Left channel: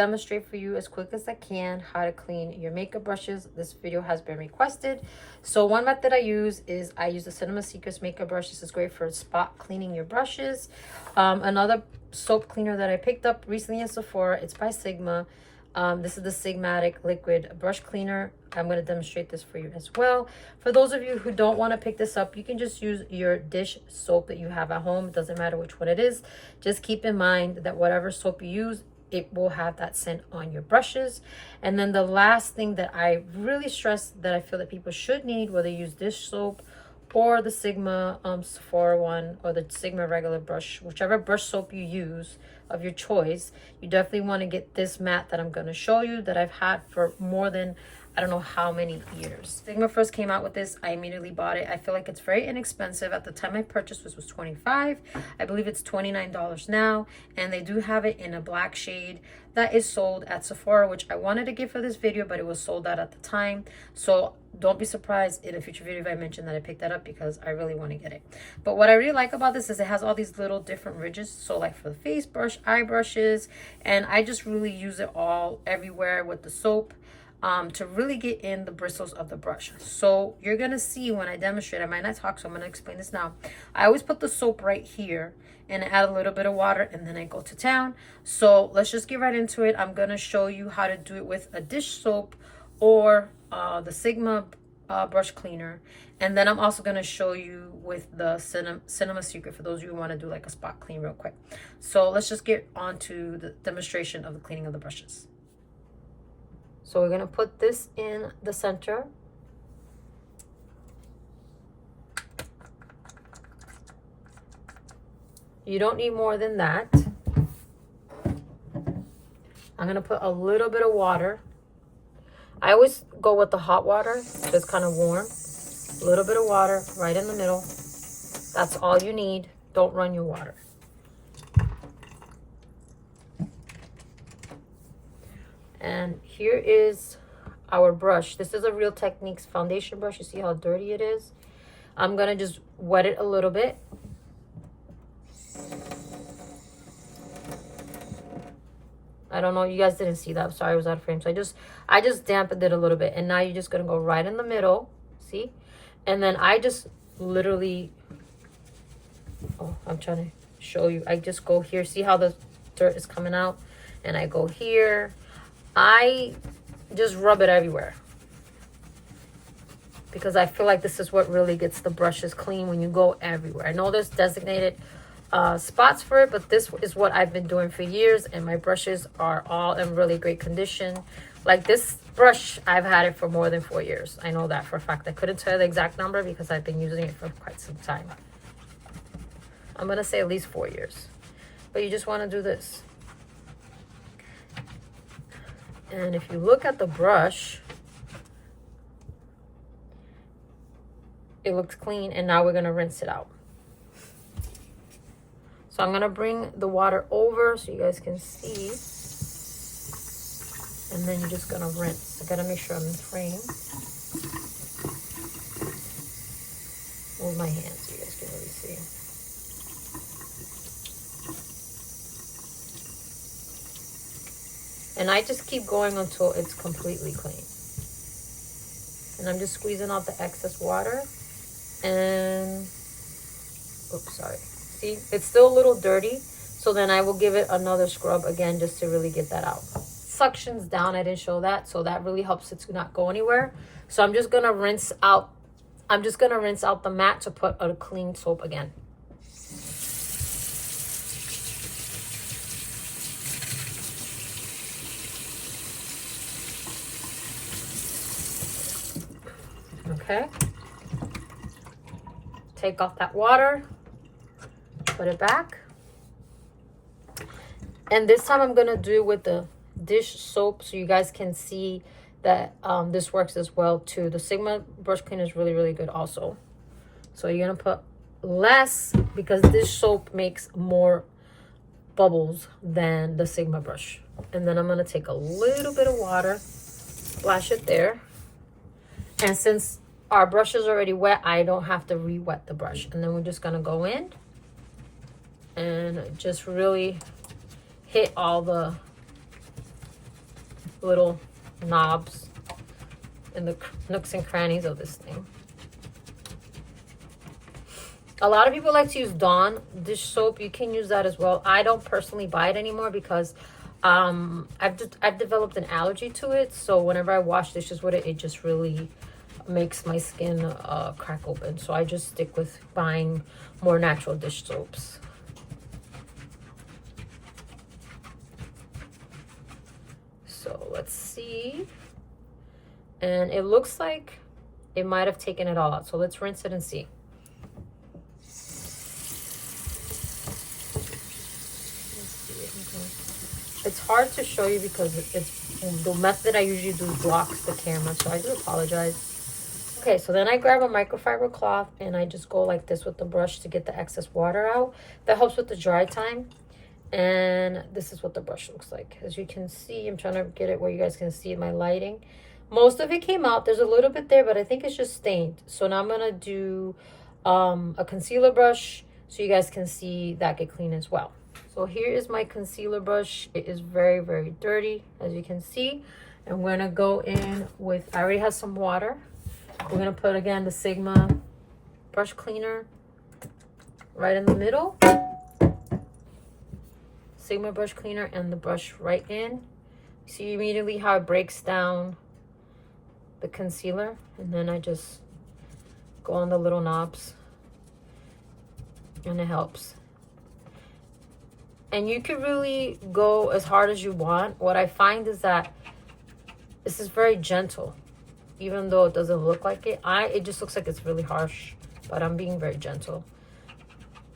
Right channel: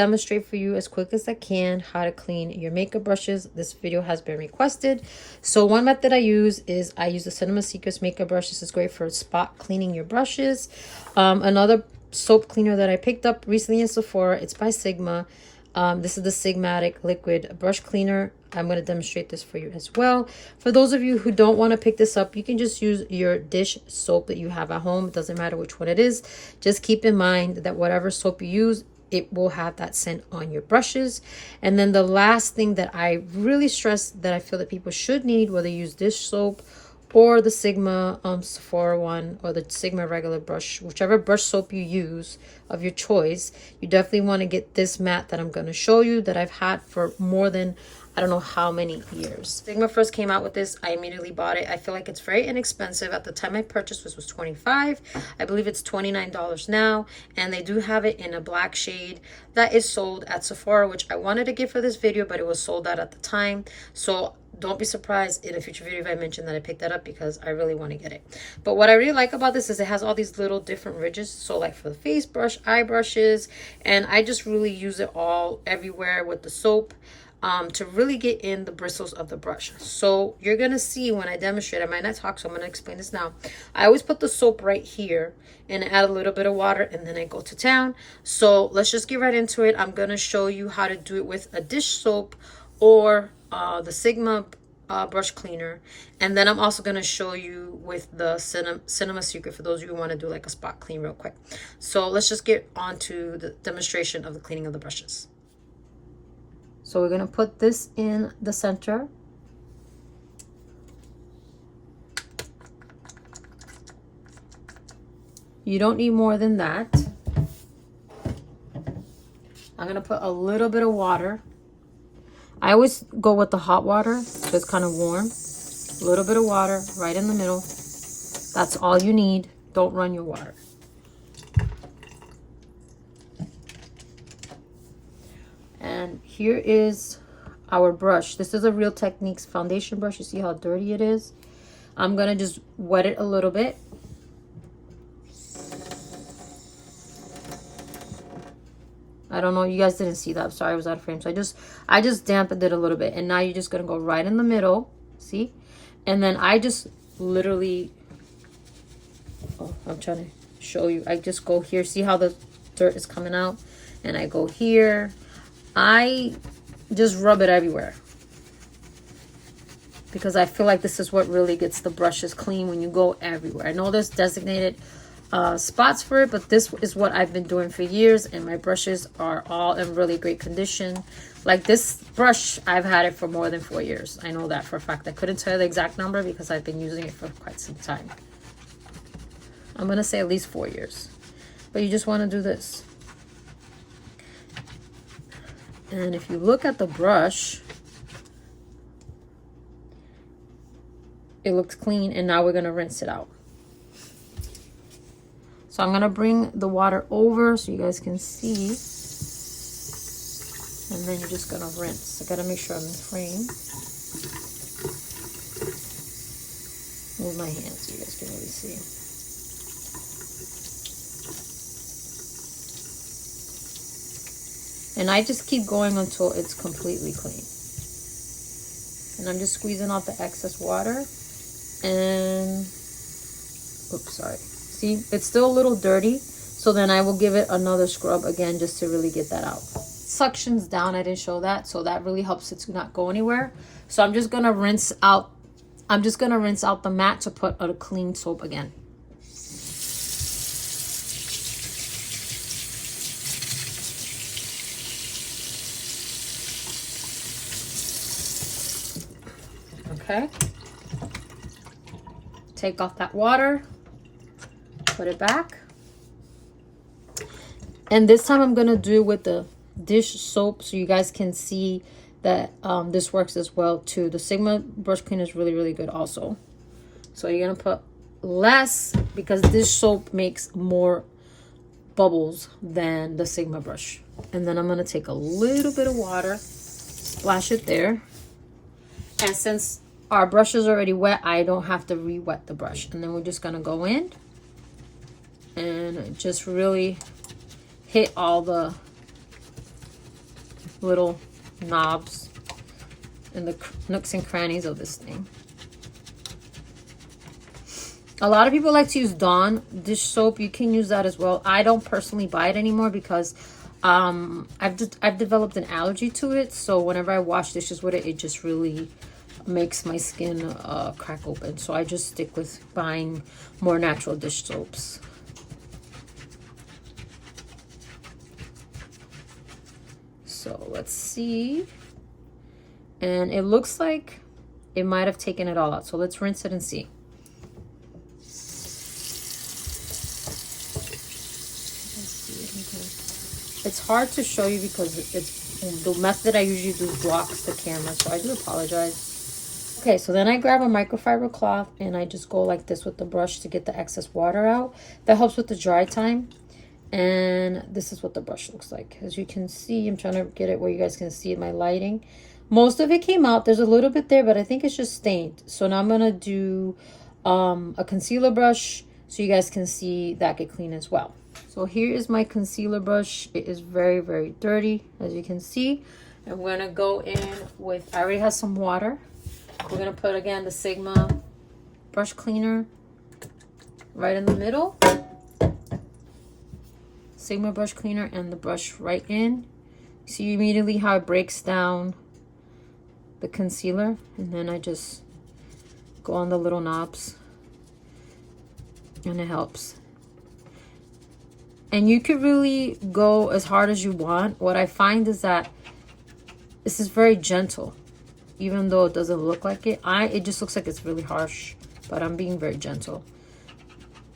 demonstrate for you as quick as I can how to clean your makeup brushes. This video has been requested. So one method I use is I use the Cinema Secrets makeup brush. This is great for spot cleaning your brushes. Another soap cleaner that I picked up recently in Sephora, it's by Sigma. This is the Sigmatic liquid brush cleaner. I'm going to demonstrate this for you as well. For those of you who don't want to pick this up, you can just use your dish soap that you have at home. It doesn't matter which one it is. Just keep in mind that whatever soap you use, it will have that scent on your brushes. And then the last thing that I really stress that I feel that people should need, whether you use dish soap or the Sigma Sephora one or the Sigma regular brush, whichever brush soap you use of your choice, you definitely want to get this matte that I'm going to show you that I've had for more than I don't know how many years. Sigma first came out with this. I immediately bought it. I feel like it's very inexpensive. At the time I purchased this was $25. I believe it's $29 now. And they do have it in a black shade that is sold at Sephora, which I wanted to get for this video, but it was sold out at the time. So don't be surprised in a future video if I mention that I picked that up because I really want to get it. But what I really like about this is it has all these little different ridges. So like for the face brush, eye brushes, and I just really use it all everywhere with the soap. To really get in the bristles of the brush. So you're going to see when I demonstrate, I might not talk, so I'm going to explain this now. I always put the soap right here and add a little bit of water and then I go to town. So let's just get right into it. I'm going to show you how to do it with a dish soap or the Sigma brush cleaner. And then I'm also going to show you with the Cinema Secret for those of you who want to do like a spot clean real quick. So let's just get on to the demonstration of the cleaning of the brushes. So we're going to put this in the center. You don't need more than that. I'm going to put a little bit of water. I always go with the hot water, so it's kind of warm. A little bit of water right in the middle. That's all you need. Don't run your water. And here is our brush. This is a Real Techniques foundation brush. You see how dirty it is? I'm going to just wet it a little bit. I don't know, you guys didn't see that. I'm sorry, I was out of frame. So I just dampened it a little bit. And now you're just going to go right in the middle. See? And then I just literally, I'm trying to show you. I just go here. See how the dirt is coming out? And I go here. I just rub it everywhere because I feel like this is what really gets the brushes clean when you go everywhere. I know there's designated spots for it, but this is what I've been doing for years, and my brushes are all in really great condition. Like this brush, I've had it for more than 4 years. I know that for a fact. I couldn't tell you the exact number because I've been using it for quite some time. I'm gonna say at least 4 years, but you just want to do this. And if you look at the brush, it looks clean, and now we're going to rinse it out. So I'm going to bring the water over so you guys can see. And then you're just going to rinse. I got to make sure I'm in frame. Move my hand so you guys can really see. And I just keep going until it's completely clean. And I'm just squeezing off the excess water. And, oops, sorry. See, it's still a little dirty. So then I will give it another scrub again just to really get that out. Suctions down, I didn't show that. So that really helps it to not go anywhere. So I'm just going to rinse out. I'm just going to rinse out the mat to put a clean soap again. Okay, take off that water, put it back, and this time I'm gonna do with the dish soap so you guys can see that this works as well too. The Sigma brush cleaner is really, really good also. So you're gonna put less because dish soap makes more bubbles than the Sigma brush. And then I'm gonna take a little bit of water, splash it there, and since our brush is already wet, I don't have to re-wet the brush. And then we're just gonna go in and just really hit all the little knobs and the nooks and crannies of this thing. A lot of people like to use Dawn dish soap. You can use that as well. I don't personally buy it anymore because I've developed an allergy to it. So whenever I wash dishes with it, it just really makes my skin crack open. So I just stick with buying more natural dish soaps. So let's see. And it looks like it might have taken it all out. So let's rinse it and see. It's hard to show you because it's the method I usually do blocks the camera, so I do apologize. Okay, so then I grab a microfiber cloth and I just go like this with the brush to get the excess water out. That helps with the dry time. And this is what the brush looks like. As you can see, I'm trying to get it where you guys can see my lighting. Most of it came out. There's a little bit there, but I think it's just stained. So now I'm gonna do a concealer brush so you guys can see that get clean as well. So here is my concealer brush. It is very, very dirty, as you can see. And we're gonna go in with, I already have some water. We're gonna put, again, the Sigma brush cleaner right in the middle. Sigma brush cleaner and the brush right in. See immediately how it breaks down the concealer. And then I just go on the little knobs. And it helps. And you could really go as hard as you want. What I find is that this is very gentle. Even though it doesn't look like it. It just looks like it's really harsh. But I'm being very gentle.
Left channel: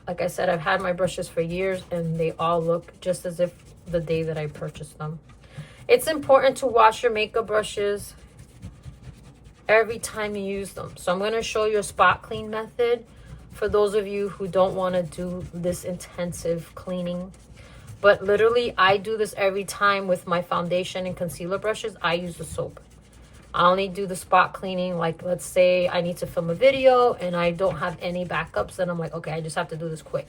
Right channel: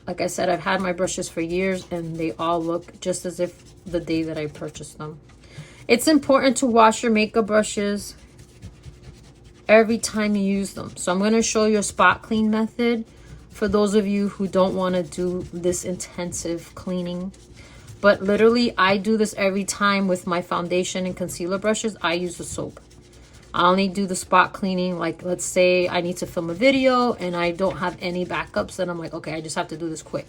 Like I said, I've had my brushes for years and they all look just as if the day that I purchased them. It's important to wash your makeup brushes every time you use them. So I'm going to show you a spot clean method for those of you who don't want to do this intensive cleaning. But literally, I do this every time with my foundation and concealer brushes. I use the soap. I only do the spot cleaning, like let's say I need to film a video and I don't have any backups, then I'm like, okay, I just have to do this quick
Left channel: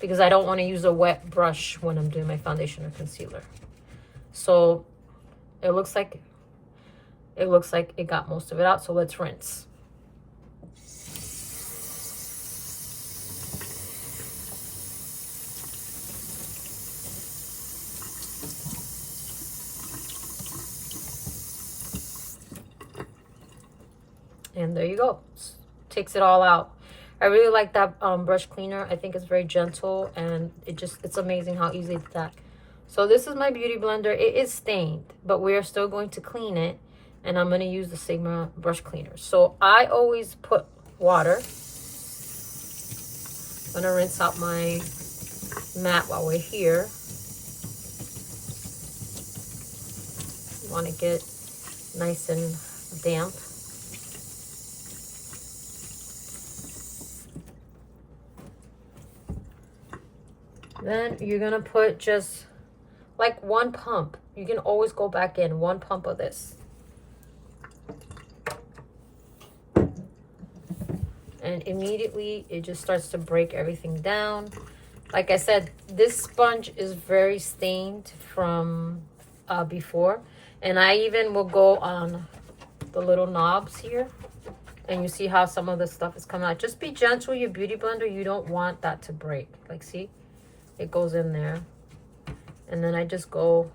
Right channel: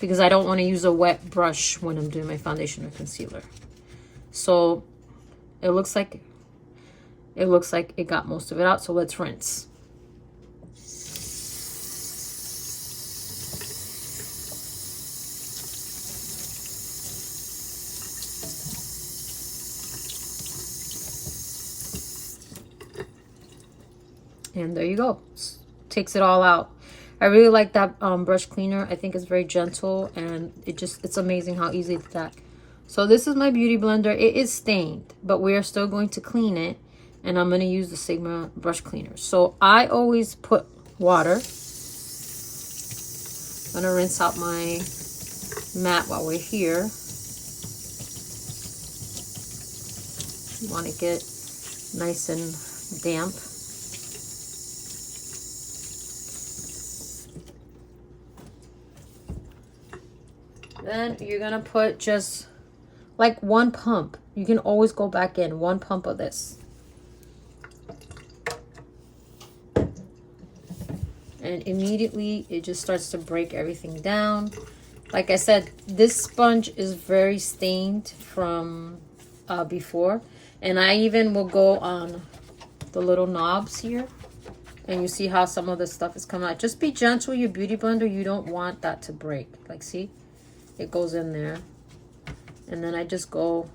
because I don't want to use a wet brush when I'm doing my foundation or concealer. So it looks like it got most of it out. So let's rinse. And there you go. Takes it all out. I really like that brush cleaner. I think it's very gentle and it's amazing how easy it's that. So this is my beauty blender. It is stained, but we are still going to clean it. And I'm going to use the Sigma brush cleaner. So I always put water. I'm going to rinse out my mat while we're here. You want to get nice and damp. Then you're gonna put just like one pump. You can always go back in one pump of this. And immediately it just starts to break everything down. Like I said, this sponge is very stained from before. And I even will go on the little knobs here. And you see how some of the stuff is coming out. Just be gentle with your beauty blender. You don't want that to break. Like, see? It goes in there. And then I just go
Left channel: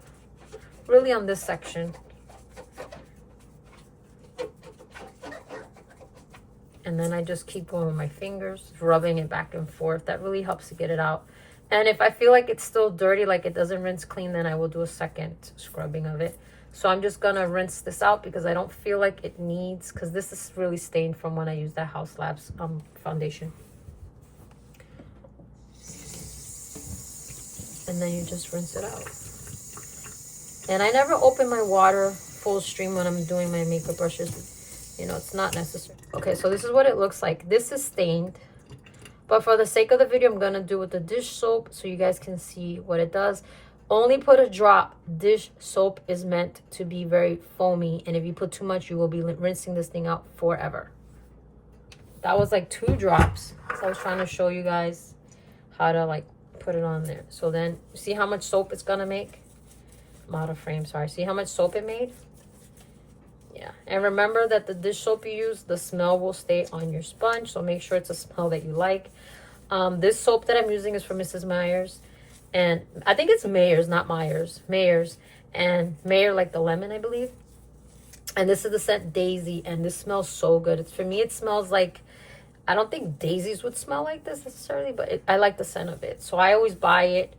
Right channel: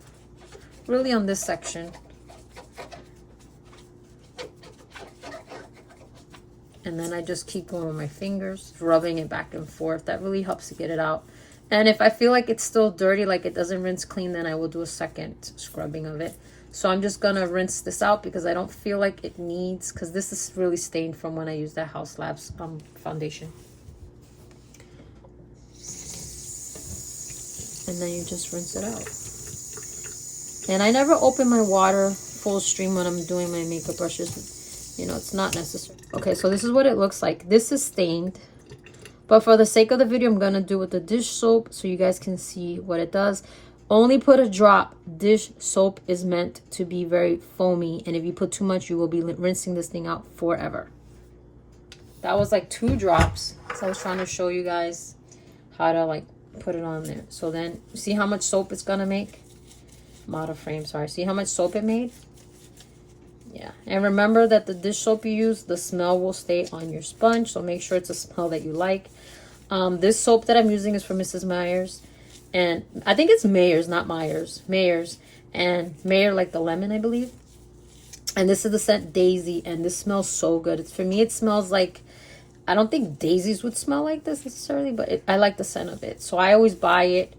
really on this section. And then I just keep going with my fingers, rubbing it back and forth. That really helps to get it out. And if I feel like it's still dirty, like it doesn't rinse clean, then I will do a second scrubbing of it. So I'm just gonna rinse this out because I don't feel like it needs, because this is really stained from when I used that House Labs foundation. And then you just rinse it out. And I never open my water full stream when I'm doing my makeup brushes. You know, it's not necessary. Okay, so this is what it looks like. This is stained. But for the sake of the video, I'm going to do it with the dish soap so you guys can see what it does. Only put a drop. Dish soap is meant to be very foamy. And if you put too much, you will be rinsing this thing out forever. That was like 2 drops. So I was trying to show you guys how to like put it on there. So then see how much soap it's gonna make. model frame, sorry. See how much soap it made? Yeah, and remember that the dish soap you use, the smell will stay on your sponge, so make sure it's a smell that you like. This soap that I'm using is from Mrs. Meyers, and I think it's Mayers, not Myers. Mayers, and Mayer like the lemon, I believe. And this is the scent Daisy, and this smells so good. It's, for me, it smells like, I don't think daisies would smell like this necessarily, but I like the scent of it. So I always buy it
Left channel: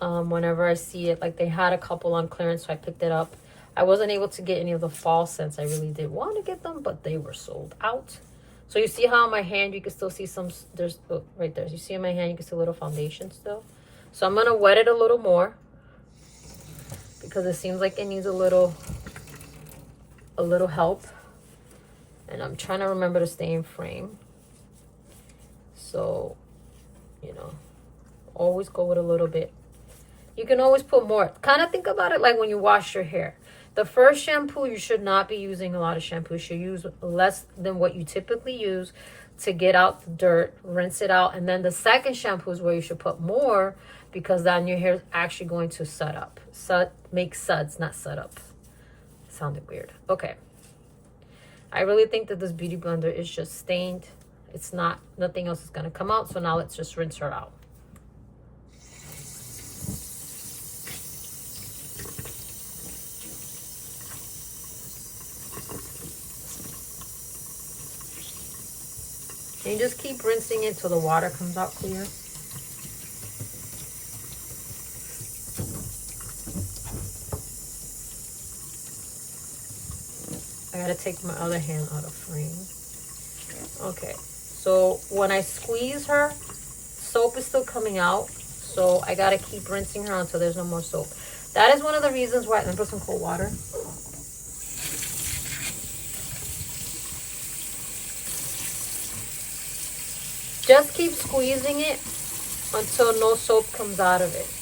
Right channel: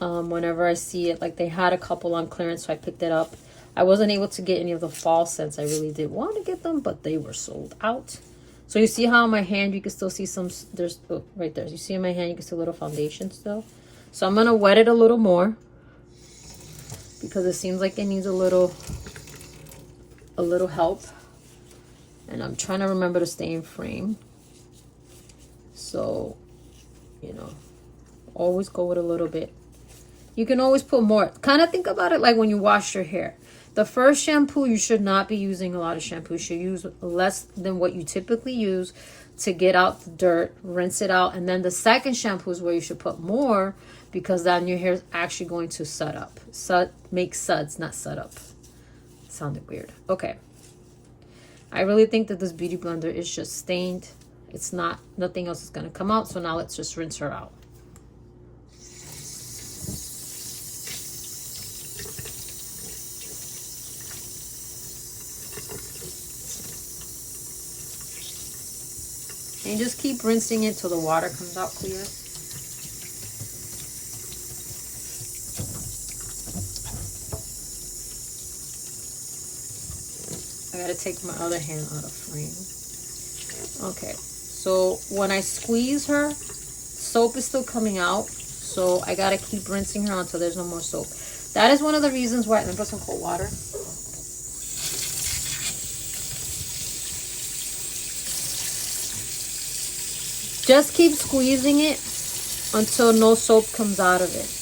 whenever I see it. Like they had a couple on clearance, so I picked it up. I wasn't able to get any of the fall scents. I really did want to get them, but they were sold out. So you see how on my hand you can still see some, there's, oh, right there. You see in my hand you can see a little foundation still. So I'm going to wet it a little more because it seems like it needs a little help. And I'm trying to remember to stay in frame. So, you know, always go with a little bit. You can always put more. Kind of think about it like when you wash your hair. The first shampoo, you should not be using a lot of shampoo. You should use less than what you typically use to get out the dirt, rinse it out. And then the second shampoo is where you should put more, because then your hair is actually going to set up. Make suds, not set up. Sounded weird. Okay. I really think that this beauty blender is just stained. It's not, nothing else is going to come out. So now let's just rinse her out. And just keep rinsing it till the water comes out clear. I gotta take my other hand out of frame. Okay, so when I squeeze her, soap is still coming out, so I gotta keep rinsing her until there's no more soap. That is one of the reasons why. Let me put some cold water. Just keep squeezing it until no soap comes out of it.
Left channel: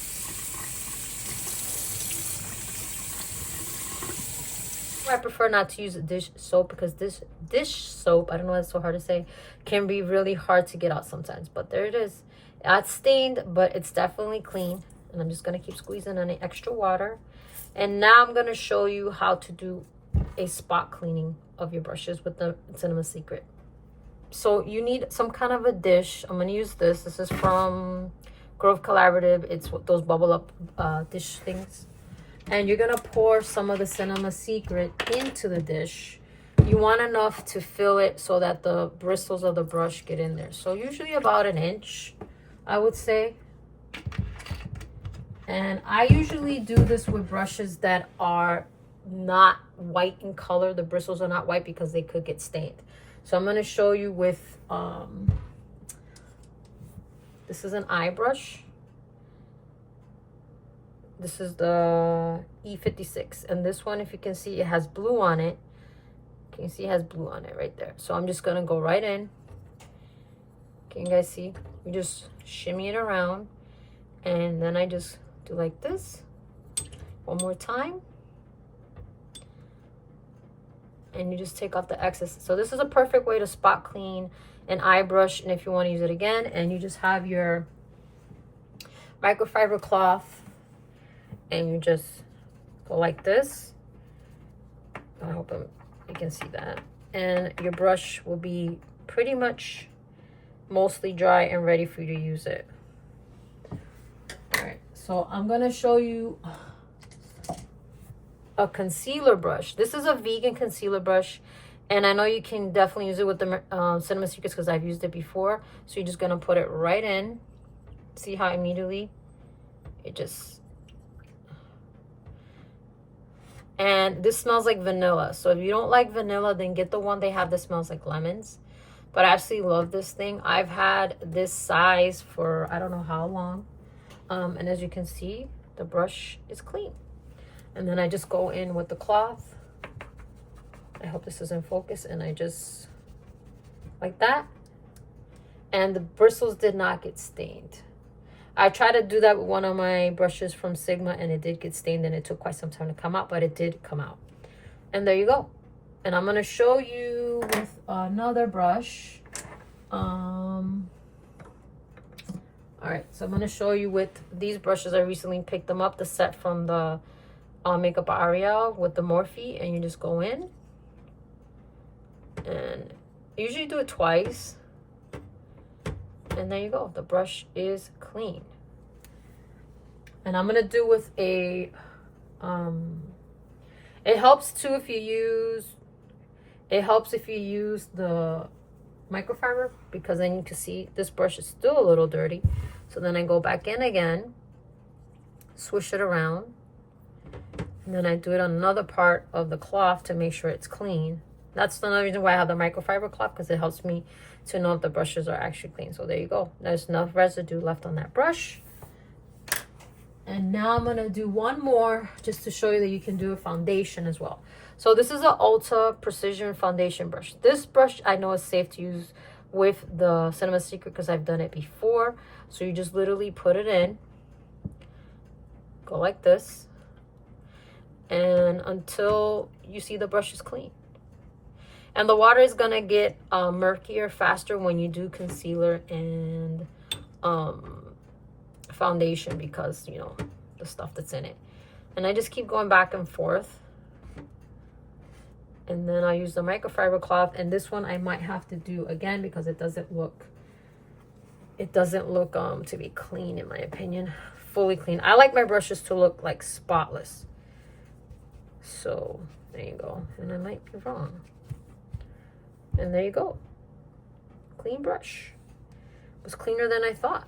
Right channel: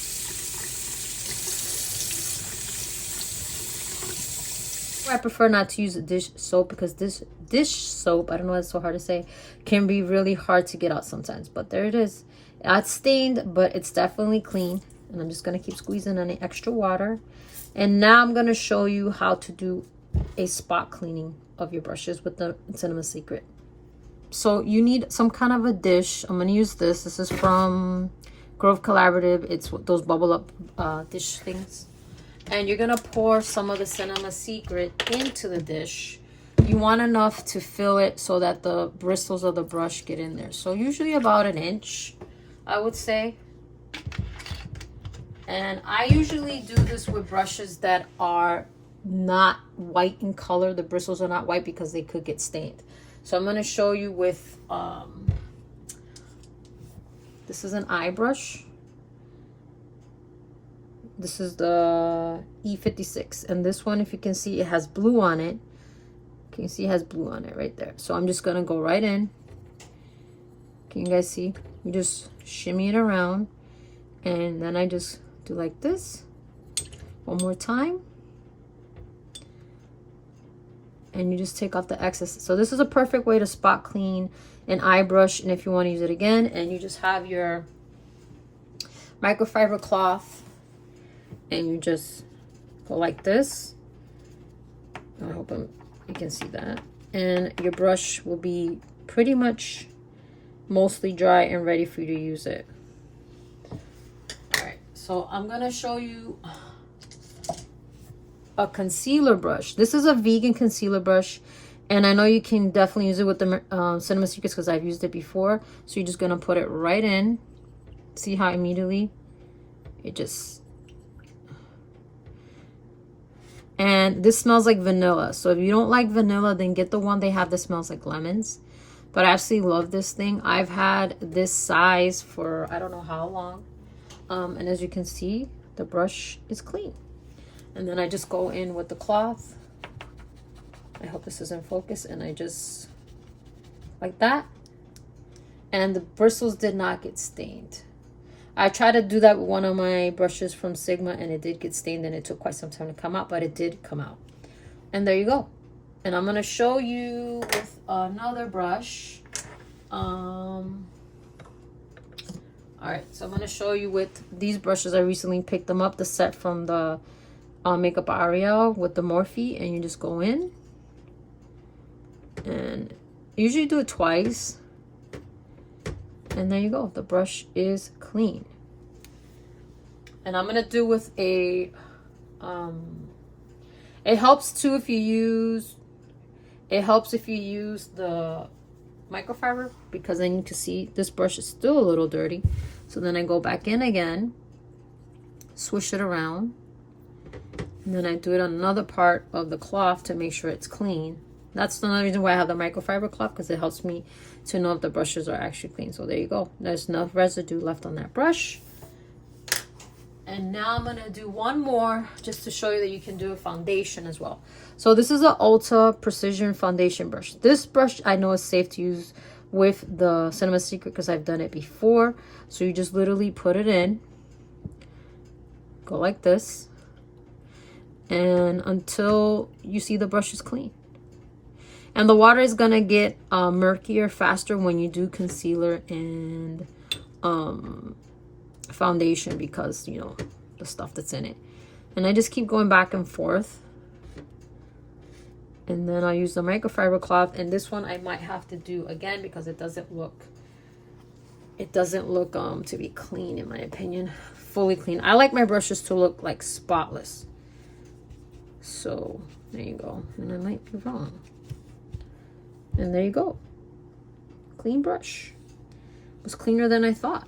I prefer not to use a dish soap because this dish soap, I don't know why it's so hard to say, can be really hard to get out sometimes. But there it is. It's stained, but it's definitely clean. And I'm just going to keep squeezing on the extra water. And now I'm going to show you how to do a spot cleaning of your brushes with the Cinema Secret. So you need some kind of a dish. I'm going to use this. This is from Grove Collaborative. It's those bubble up dish things. And you're going to pour some of the Cinema Secret into the dish. You want enough to fill it so that the bristles of the brush get in there. So usually about an inch, I would say. And I usually do this with brushes that are not white in color. The bristles are not white because they could get stained. So I'm going to show you with, this is an eye brush. This is the E56. And this one, if you can see, it has blue on it. Can you see it has blue on it right there? So I'm just going to go right in. Can you guys see? You just shimmy it around. And then I just do like this. One more time. And you just take off the excess. So this is a perfect way to spot clean an eye brush. And if you want to use it again, and you just have your microfiber cloth and you just go like this. I hope you can see that. And your brush will be pretty much mostly dry and ready for you to use it. All right, so I'm gonna show you a concealer brush. This is a vegan concealer brush, and I know you can definitely use it with the Cinema Secrets because I've used it before. So you're just gonna put it right in. See how immediately it just, and this smells like vanilla. So if you don't like vanilla, then get the one they have that smells like lemons. But I absolutely love this thing. I've had this size for I don't know how long. And as you can see, the brush is clean. And then I just go in with the cloth. I hope this is in focus. And I just, like that. And the bristles did not get stained. I tried to do that with one of my brushes from Sigma, and it did get stained, and it took quite some time to come out, but it did come out. And there you go. And I'm going to show you with another brush. All right, so I'm going to show you with these brushes. I recently picked them up, the set from the makeup Ariel with the Morphe, and you just go in, and usually do it twice, and there you go. The brush is clean. And I'm gonna do with a it helps too if you use the microfiber, because then you can see this brush is still a little dirty. So then I go back in again, swish it around, and then I do it on another part of the cloth to make sure it's clean. That's another reason why I have the microfiber cloth, because it helps me to know if the brushes are actually clean. So there you go. There's enough residue left on that brush. And now I'm gonna do one more just to show you that you can do a foundation as well. So this is an Ulta Precision Foundation brush. This brush I know is safe to use with the Cinema Secret because I've done it before. So you just literally put it in, go like this, and until you see the brush is clean. And the water is gonna get murkier faster when you do concealer and foundation, because you know the stuff that's in it. And I just keep going back and forth, and then I'll use the microfiber cloth. And this one I might have to do again because it doesn't look to be clean, in my opinion, fully clean. I like my brushes to look like spotless. So there you go. And I might be wrong. And there you go. Clean brush. It was cleaner than I thought.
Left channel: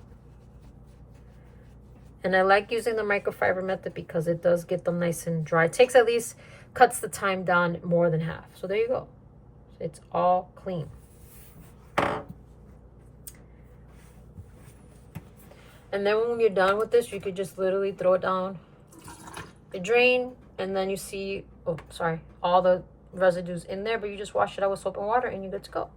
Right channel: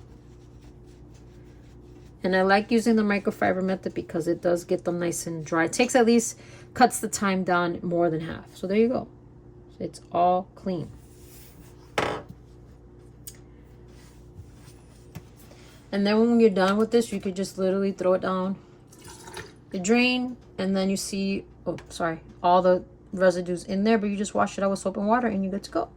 And I like using the microfiber method because it does get them nice and dry. It takes at least, cuts the time down more than half. So there you go. So it's all clean. And then when you're done with this, you could just literally throw it down the drain, and then you see, oh, sorry, all the residues in there, but you just wash it out with soap and water and you're good to go.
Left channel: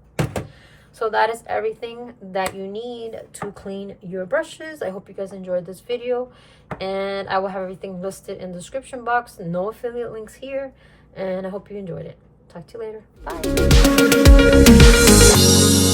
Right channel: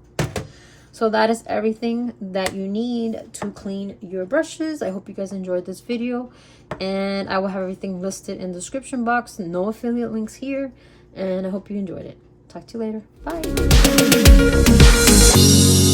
So that is everything that you need to clean your brushes. I hope you guys enjoyed this video, and I will have everything listed in the description box. No affiliate links here, and I hope you enjoyed it. Talk to you later. Bye.